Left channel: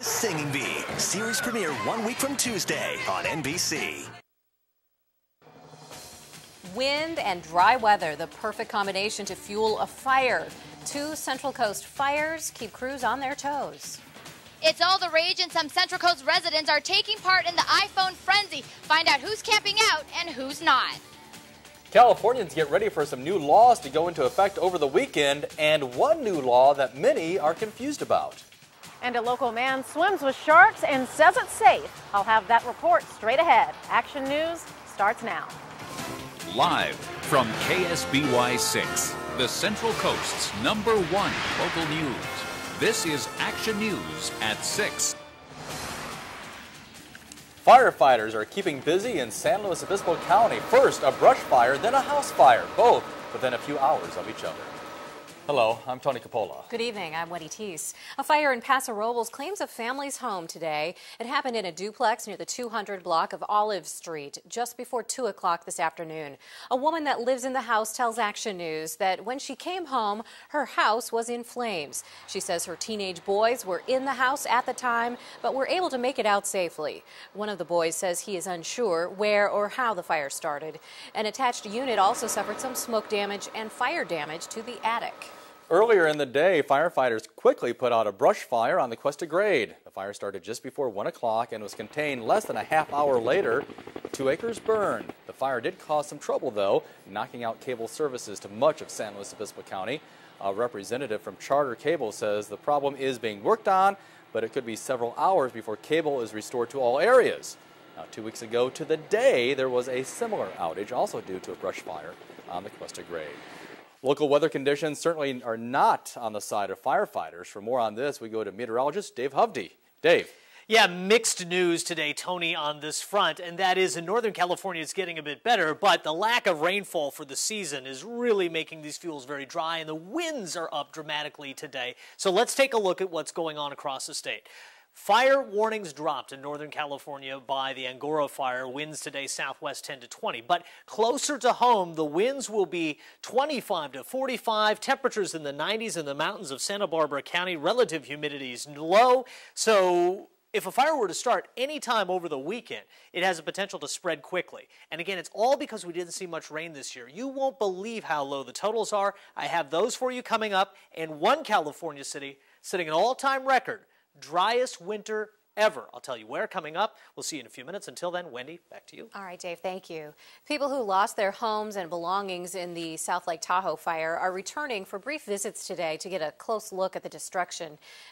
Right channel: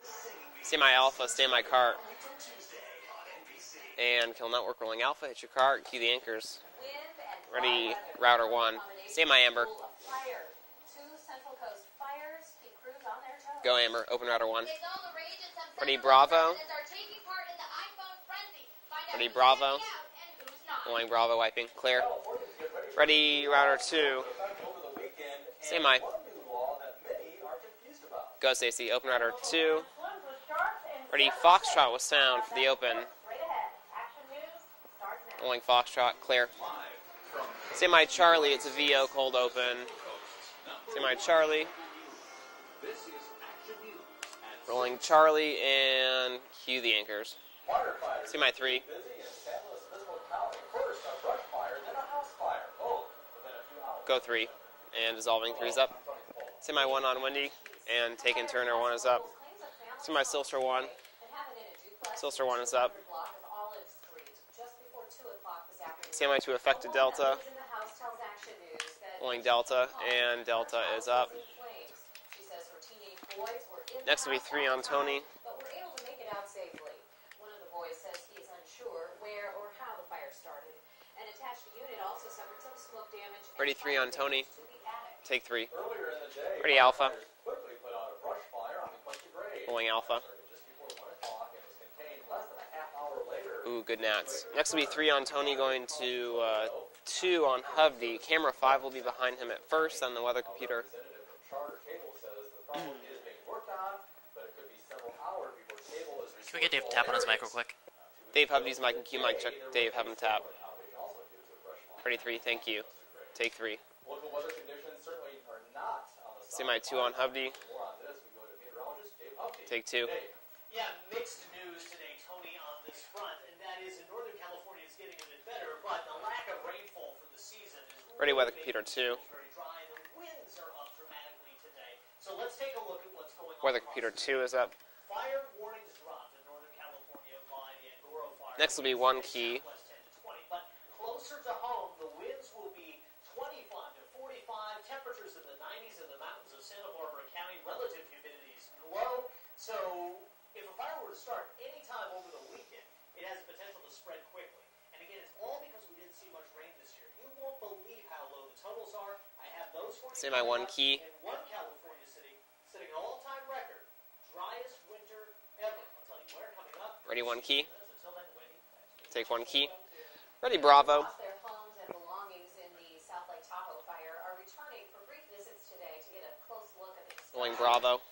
Singing Bee, series premiere 1 week from Tuesday on NBC. And Kill Network rolling alpha, hit your car, cue the anchors. Wind and dry weather, the perfect one. combination to fuel a fire. 2 Central Coast fires keep crews on their toes. Go Amber, open router 1. It's all the rage, and some Central Coast residents are taking part in the iPhone frenzy. Find out who's camping out and who's not. Going Bravo, wiping clear. Californians get ready for some new laws to go into effect over the weekend, and one new law that many are confused about. Go Stacey, open and router a local 2. man swims with sharks and says it's safe. I'll have that report straight ahead. Action News starts now. Going Foxtrot, clear. Live from KSBY 6, the Central Coast's #1 local news. This is Action News at 6. Charlie and cue the anchors. Firefighters are keeping busy in San Luis Obispo County. First a brush fire, then a house fire, both within a few hours of each other. Hello, I'm Tony Coppola. Good evening, I'm Wendy Teese. A fire in Paso Robles claims a family's home today. It happened in a duplex near the 200 block of Olive Street just before 2 o'clock this afternoon. A woman that lives in the house tells Action News that when she came home, her house was in flames. She says her teenage boys were in the house at the time, but were able to make it out safely. One of the boys says he is unsure where or how the fire started. An attached unit also suffered some smoke damage and fire damage to the attic. Take 3. Earlier in the day, firefighters quickly put out a brush fire on the Cuesta Grade. The fire started just before 1 o'clock and was contained less than a half-hour later. 2 acres burned. The fire did cause some trouble, though, knocking out cable services to much of San Luis Obispo County. A representative from Charter Cable says the problem is being worked on, but it could be several hours before cable is restored to all areas. Now, 2 weeks ago to the day, there was a similar outage, also due to a brush fire on the Cuesta Grade. Take 3. Local weather conditions certainly are not on the side of firefighters. For more on this, we go to meteorologist Dave Hovde. Take 2. Dave. Yeah, mixed news today, Tony, on this front, and that is in Northern California it's getting a bit better, but the lack of rainfall for the season is really making these fuels very dry, and the winds are up dramatically today. So let's take a look at what's going on across the state. Fire warnings dropped in Northern California by the Angora fire. Winds today southwest 10 to 20. But closer to home, the winds will be 25 to 45. Temperatures in the 90s in the mountains of Santa Barbara County. Relative humidity is low. So if a fire were to start any time over the weekend, it has a potential to spread quickly. And again, it's all because we didn't see much rain this year. You won't believe how low the totals are. I have those for you coming up. In one California city, setting an all-time record. Driest winter ever. I'll tell you where coming up. We'll see you in a few minutes. Until then, Wendy, back to you. All right, Dave, thank you. People who lost their homes and belongings in the South Lake Tahoe fire are returning for brief visits today to get a close look at the destruction.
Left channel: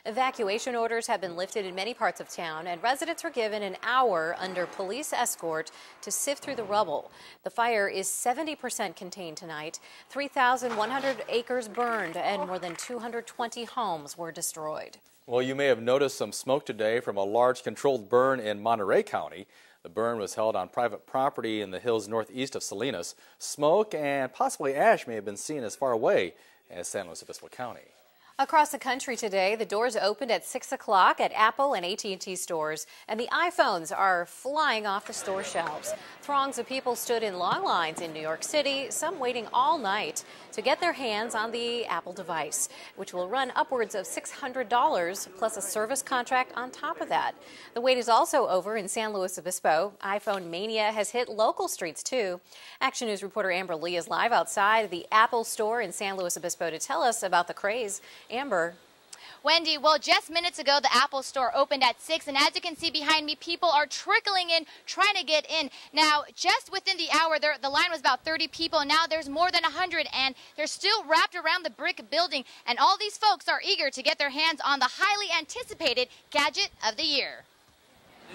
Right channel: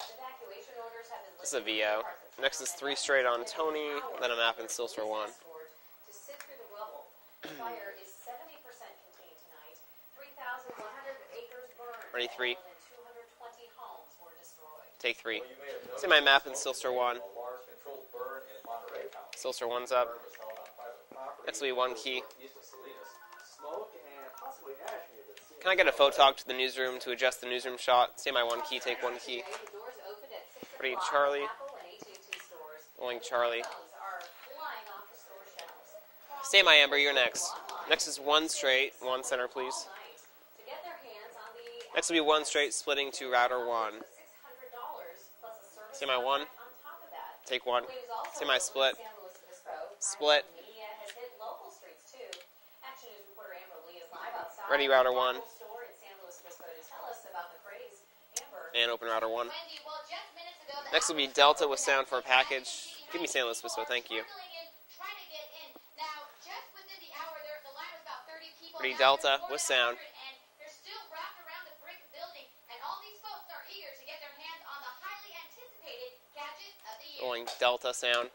Evacuation orders have been lifted in many parts of town, and residents were given an hour under police escort to sift through the rubble. The fire is 70% contained tonight. 3,100 acres burned, and more than 220 homes were destroyed. Well, you may have noticed some smoke today from a large controlled burn in Monterey County. The burn was held on private property in the hills northeast of Salinas. Smoke and possibly ash may have been seen as far away. To the newsroom to adjust the newsroom shot. Across the country today, the doors opened at 6 o'clock at Apple and AT&T stores, and the iPhones are flying off the store shelves. Throngs of people stood in long lines in New York City, some waiting all night to get their hands on the Apple device, which will run upwards of $600 plus a service contract on top of that. The wait is also over in San Luis Obispo. iPhone mania has hit local streets too. Action News reporter Amber Lee is live outside the Apple store in San Luis Obispo to tell us about the craze. Amber. And open router 1. Wendy, well, just minutes ago, the Apple store opened at 6, and as you can see behind me, people are trickling in, trying to get in. Now, just within the hour, the line was about 30 people, and now there's more than 100, and they're still wrapped around the brick building, and all these folks are eager to get their hands on the highly anticipated gadget of the year. Delta sound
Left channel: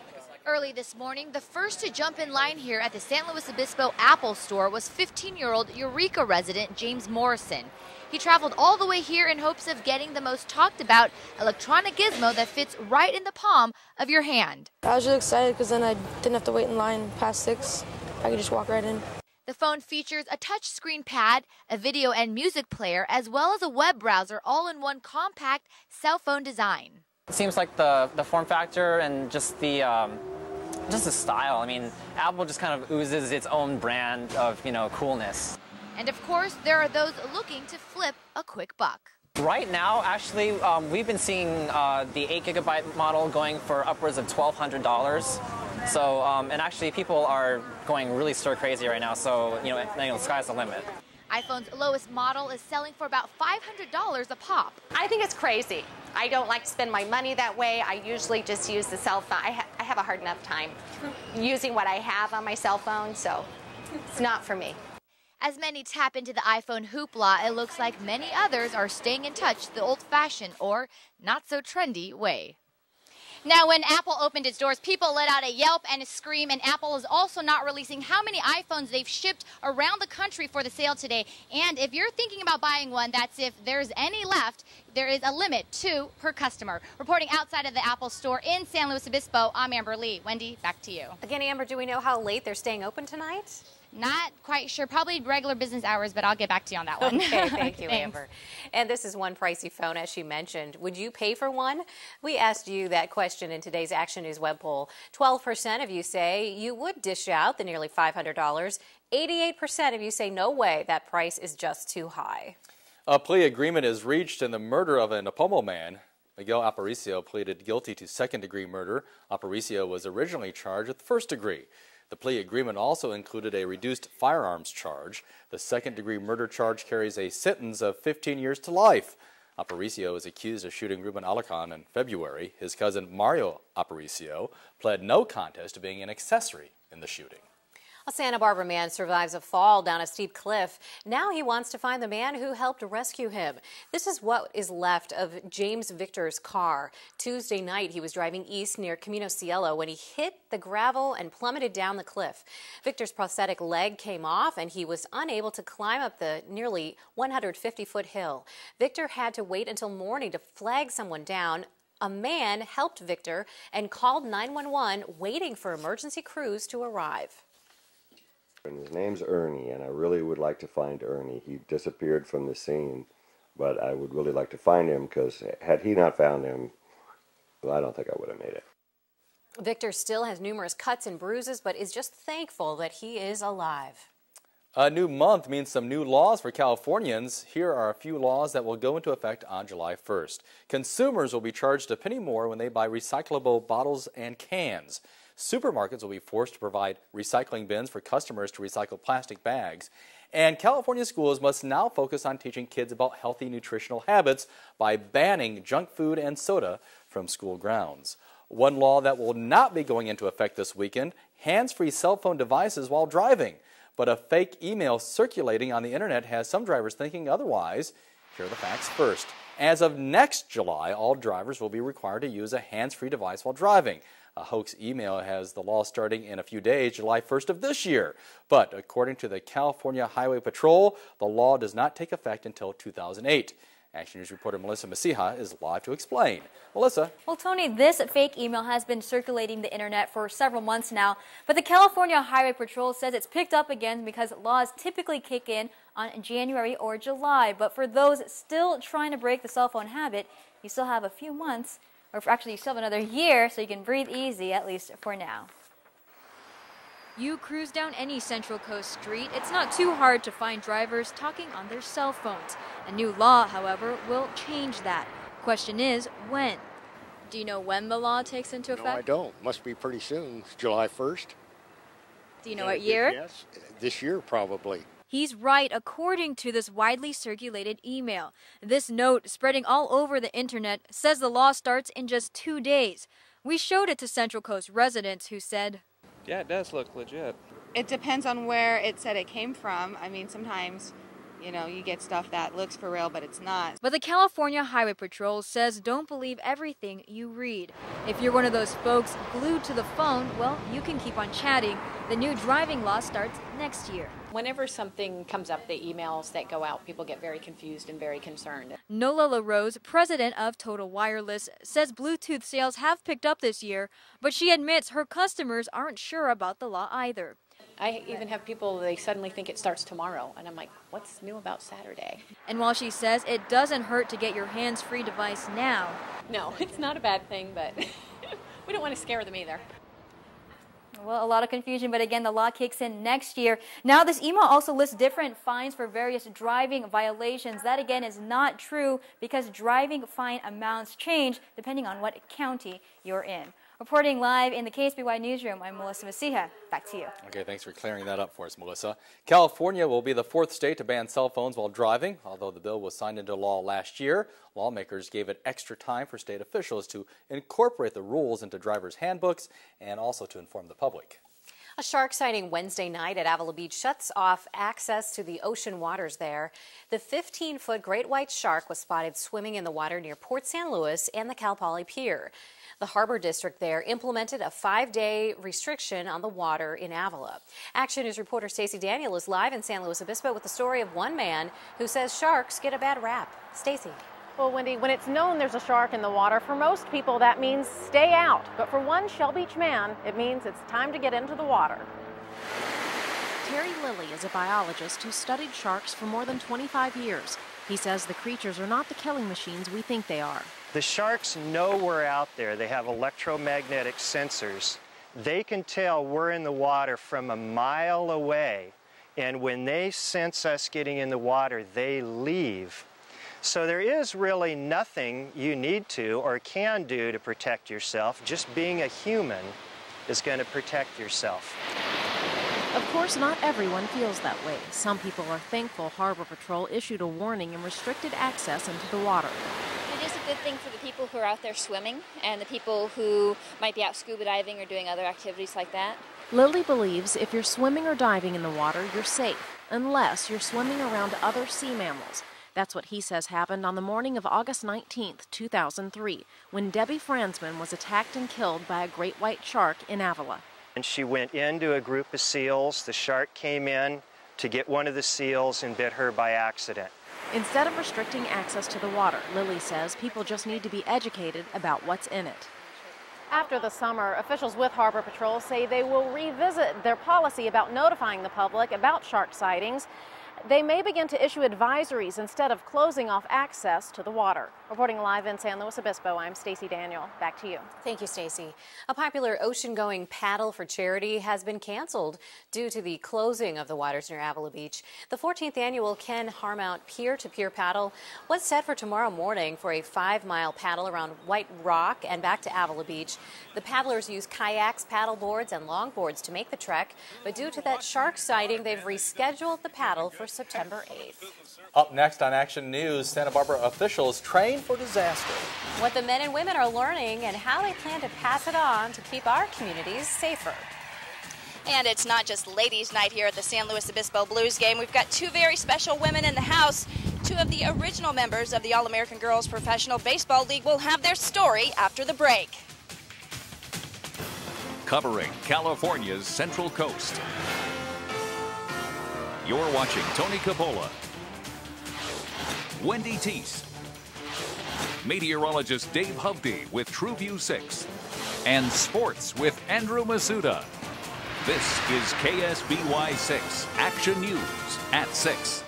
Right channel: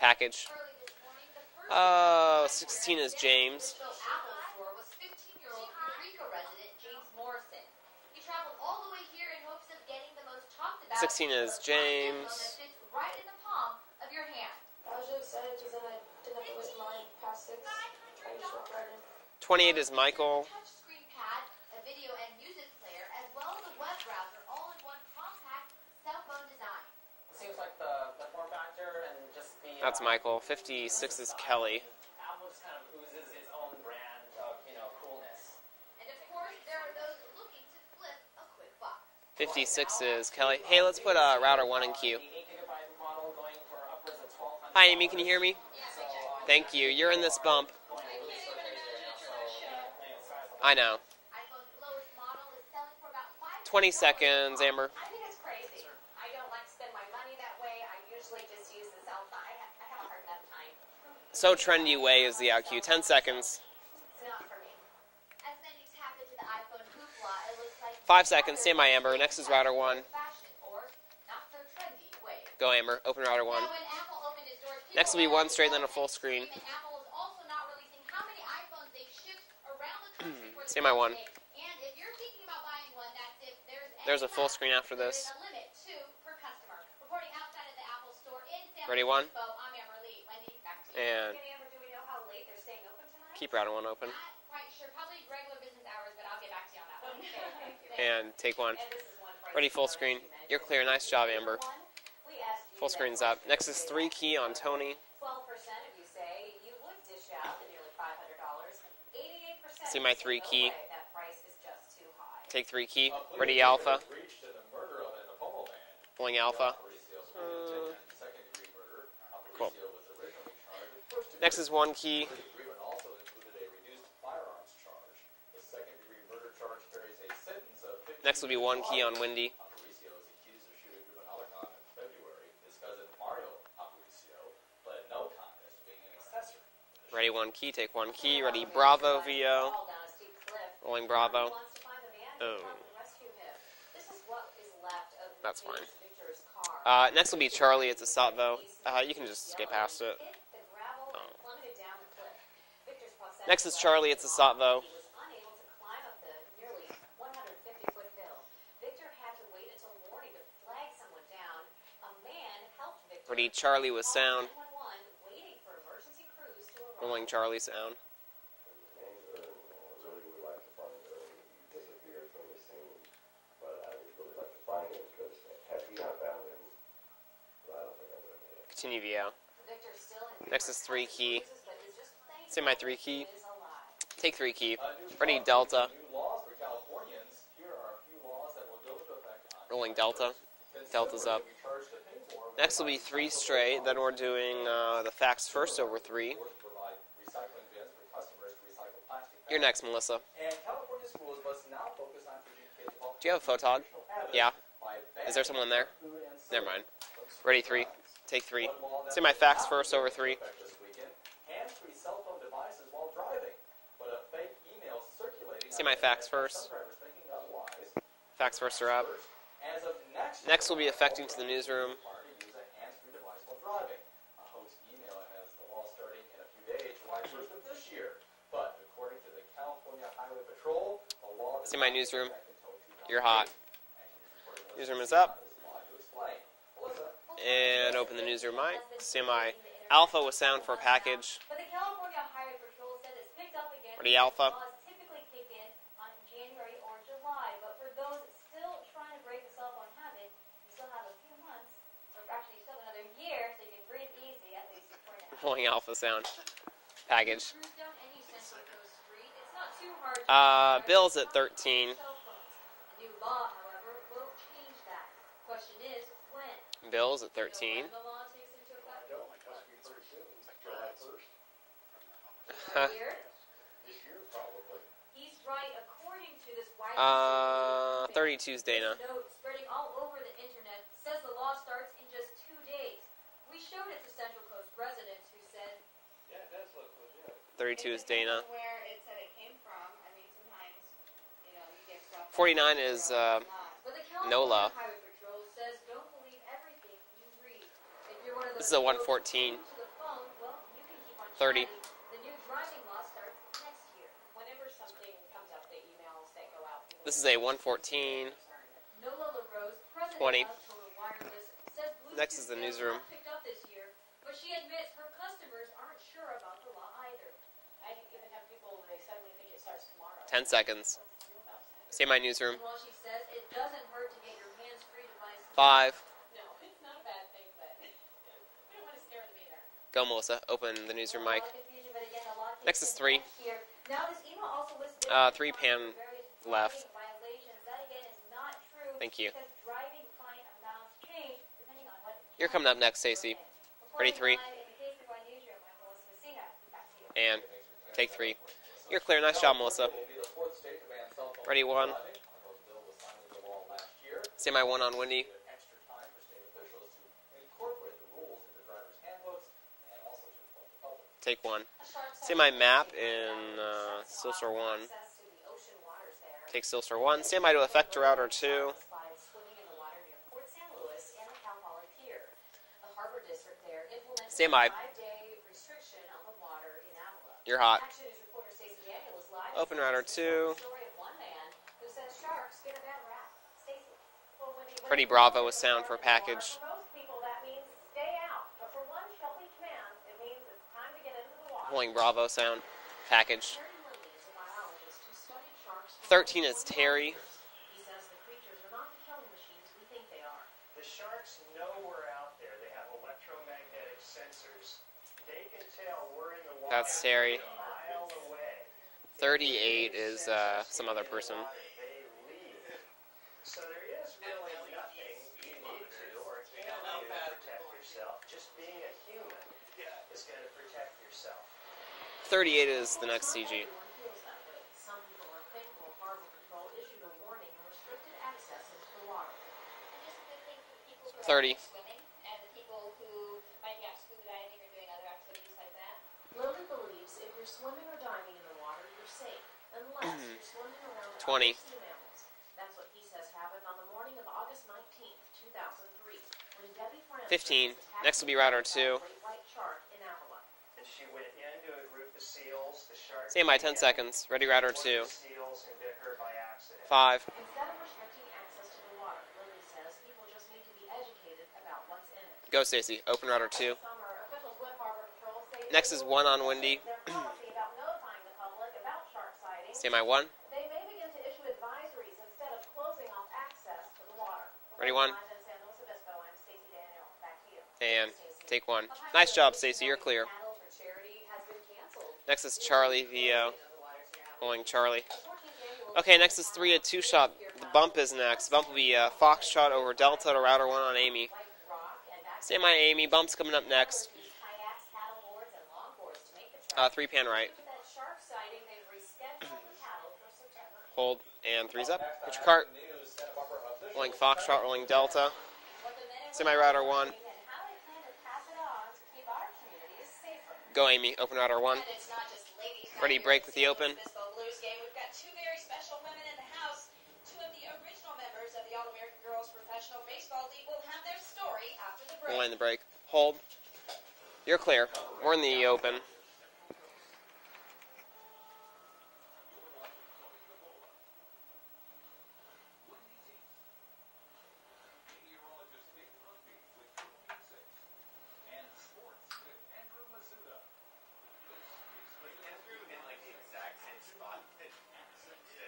package. Early this morning, the first to jump in line here at the San Luis Obispo Apple store was 15-year-old Eureka resident James Morrison. He traveled all the way here in hopes of getting the most talked about electronic gizmo that fits right in the palm of your hand. I was really excited because then I didn't have to wait in line past 6. I could just walk right in. The phone features a touchscreen pad, a video and music player, as well as a web browser, all in one compact cell phone design. It seems like the form factor and just the just the style. I mean, Apple just kind of oozes its own brand of, coolness. And of course, there are those looking to flip a quick buck. Right now, actually, we've been seeing the 8 GB model going for upwards of $1,200. Hi, Amy, can you hear me? So, and actually, people are going really stir crazy right now. So, the sky's the limit. I know. iPhone's lowest model is selling for about $500 20 seconds, a pop. Amber. I think it's crazy. I don't like to spend my money that way. I usually just use the cell phone. I have a hard enough time using what I have on my cell phone, so it's not for me. As many tap into the iPhone hoopla, it looks like many others are staying in touch the old-fashioned or not-so-trendy way. Go, Amber. Open router 1. Now, when Apple opened its doors, people let out a yelp and a scream, and Apple is also not releasing how many iPhones they've shipped around the country for the sale today. And if you're thinking about buying one, that's if there's any left. There is a limit, 2 per customer. Reporting outside of the Apple store in San Luis Obispo, I'm Amber Lee. Wendy, back to you. Again, Amber, do we know how late they're staying open tonight? Keep router 1 open. Not quite sure. Probably regular business hours, but I'll get back to you on that one. Okay, thank you, Amber. And take one. And this is one pricey phone, as you mentioned. Would you pay for Amber. one? We asked you that question in today's Action News web poll. 12% of you say you would dish out the nearly $500. 88% of you say no way, that price is just too high. Take 3 key. A plea agreement is reached in the murder of an Apomo man. Miguel Alpha. Aparicio pleaded guilty to second-degree murder. Aparicio was originally charged with first degree. Next is 1 key. The plea agreement also included a reduced firearms charge. The second-degree murder charge carries a sentence of 15 years to life. Aparicio is accused of shooting Ruben Alarcon in February. His cousin Mario Aparicio pled no contest to being an accessory in the shooting. Ready 1 key, take 1 key. A Santa Barbara man survives a fall down a steep cliff. Now he wants to find the man who helped rescue him. This is what is left of James Victor's car. Tuesday night, he was driving east near Camino Cielo when he hit the gravel and plummeted down the cliff. Victor's prosthetic leg came off, and he was unable to climb up the nearly 150-foot hill. Victor had to wait until morning to flag someone down. A man helped Victor and called 911, waiting for emergency crews to arrive. Charlie sound. And his name's Ernie, and I really would like to find Ernie. He disappeared from the scene, but I would really like to find him, because had he not found him, well, I don't think I would have made it. Continue VO. Victor still has numerous cuts and bruises, but is just thankful that he is alive. Take 3 key. A new month means some new laws for Californians. Here are a few laws that will go into effect on July 1st. Consumers will be charged a penny more when they buy recyclable bottles and cans. Supermarkets will be forced to provide recycling bins for customers to recycle plastic bags. You're next, Melissa. And California schools must now focus on teaching kids about healthy nutritional habits by banning junk food and soda from school grounds. One law that will not be going into effect this weekend: hands-free cell phone devices while driving. But a fake email circulating on the internet has some drivers thinking otherwise. Here are the facts first. As of next July, all drivers will be required to use a hands-free device while driving. A hoax email has the law starting in a few days, July 1st of this year. But according to the California Highway Patrol, the law does not take effect until 2008. Action News reporter Melissa Nasiha is live to explain. Melissa. Well, Tony, this fake email has been circulating the internet for several months now, but the California Highway Patrol says it's picked up again because laws typically kick in on January or July. But for those still trying to break the cell phone habit, you still have a few months, or actually you still have another year, so you can breathe easy, at least for now. Pulling alpha sound. You cruise down any Central Coast street, it's not too hard to find drivers talking on their cell phones. A new law, however, will change that. Question is, when? Bill's at 13. Do you know when the law takes into effect? No, I don't. Must be pretty soon. July 1st. Do you know what year? Yes, this year probably. He's right, according to this widely circulated email. 32 This note, spreading all over the internet, says the law starts in just 2 days. We showed it to Central Coast residents who said, yeah, it does look legit. It depends on where it said it came from. I mean, sometimes, you know, you get stuff that looks for real, but it's not. But the California Highway Patrol says don't believe everything you read. If you're one of those folks glued to the phone, well, you can keep on chatting. The new driving law starts next year. Whenever something comes up, the emails that go out, people get very confused and very concerned. Nola LaRose, president of Total Wireless, says Bluetooth sales have picked up this year, but she admits her customers aren't sure about the law either. I even have people, they suddenly think it starts tomorrow. 10 seconds. Like, what's new about Saturday? Say my newsroom. And while she says it doesn't hurt to get your hands-free device now. 5. No, it's not a bad thing, but we don't want to scare them either. Go, Melissa. Open the newsroom. Well, a lot of confusion, but again, the law kicks in next year. Now, this email also lists different fines for various driving violations. That, again, is not true because driving fine amounts change depending on what county you're in. Reporting live in the KSBY newsroom, I'm Melissa Masiha. Back to you. Okay, thanks for clearing that up for us, Melissa. You're clear. Nice California job, will be the 4th state to ban cell phones while driving, although the bill was signed into law last year. Lawmakers gave it extra time for state officials to incorporate the rules into drivers' handbooks and also to inform the public. Take one. A shark sighting Wednesday night at Avila Beach shuts off access to the ocean waters there. Take the 15-foot great white shark was spotted swimming in the water near Port San Luis and the Cal Poly Pier. The Harbor District there implemented a 5-day restriction on the water in Avila. Action News reporter Stacey Daniel is live in San Luis Obispo with the story of one man who says sharks get a bad rap. Stacey. Well, Wendy, when it's known there's a shark in the water, for most people that means stay out. But for one Shell Beach man, it means it's time to get into the water. Bravo sound package. Terry Lilly is a biologist who studied sharks for more than 25 years. He says the creatures are not the killing machines we think they are. The sharks know we're out there. They have electromagnetic sensors. They can tell we're in the water from a mile away. And when they sense us getting in the water, they leave. So there is really nothing you need to or can do to protect yourself. Just being a human is going to protect yourself. Of course, not everyone feels that way. Some people are thankful Harbor Patrol issued a warning and restricted access into the water. It is a good thing for the people who are out there swimming and the people who might be out scuba diving or doing other activities like that. Lily believes if you're swimming or diving in the water, you're safe, unless you're swimming around other sea mammals. That's what he says happened on the morning of August 19th, 2003, when Debbie Franzman was attacked and killed by a great white shark in Avila. And she went into a group of seals. The shark came in to get one of the seals and bit her by accident. Instead of restricting access to the water, Lily says people just need to be educated about what's in it. Go, Stacey. Open rudder 2. After the summer, officials with Harbor Patrol say they will revisit their policy about notifying the public about shark sightings. They may begin to issue advisories instead of closing off access to the water. Reporting live in San Luis Obispo, I'm Stacey Daniel. Back to you. Thank you, Stacey. Take one. A popular ocean-going paddle for charity has been canceled due to the closing of the waters near Avila Beach. The 14th annual Ken Harmount peer-to-peer paddle was set for tomorrow morning for a 5-mile paddle around White Rock and back to Avila Beach. The paddlers use kayaks, paddle boards, and longboards to make the trek. But due to that shark sighting, they've rescheduled the paddle for September 8th. Up next on Action News, Santa Barbara officials train for disaster. What the men and women are learning and how they plan to pass it on to keep our communities safer. Go, Amy. Open rudder 1. And it's not just ladies' night here at the San Luis Obispo Blues game. We've got 2 very special women in the house. 2 of the original members of the All-American Girls Professional Baseball League will have their story after the break. Hold. You're clear. Covering California's Central Coast. You're watching Tony Coppola, Wendy Teese, meteorologist Dave Hovde with TrueView 6, and sports with Andrew Masuda. This is KSBY 6 Action News at 6.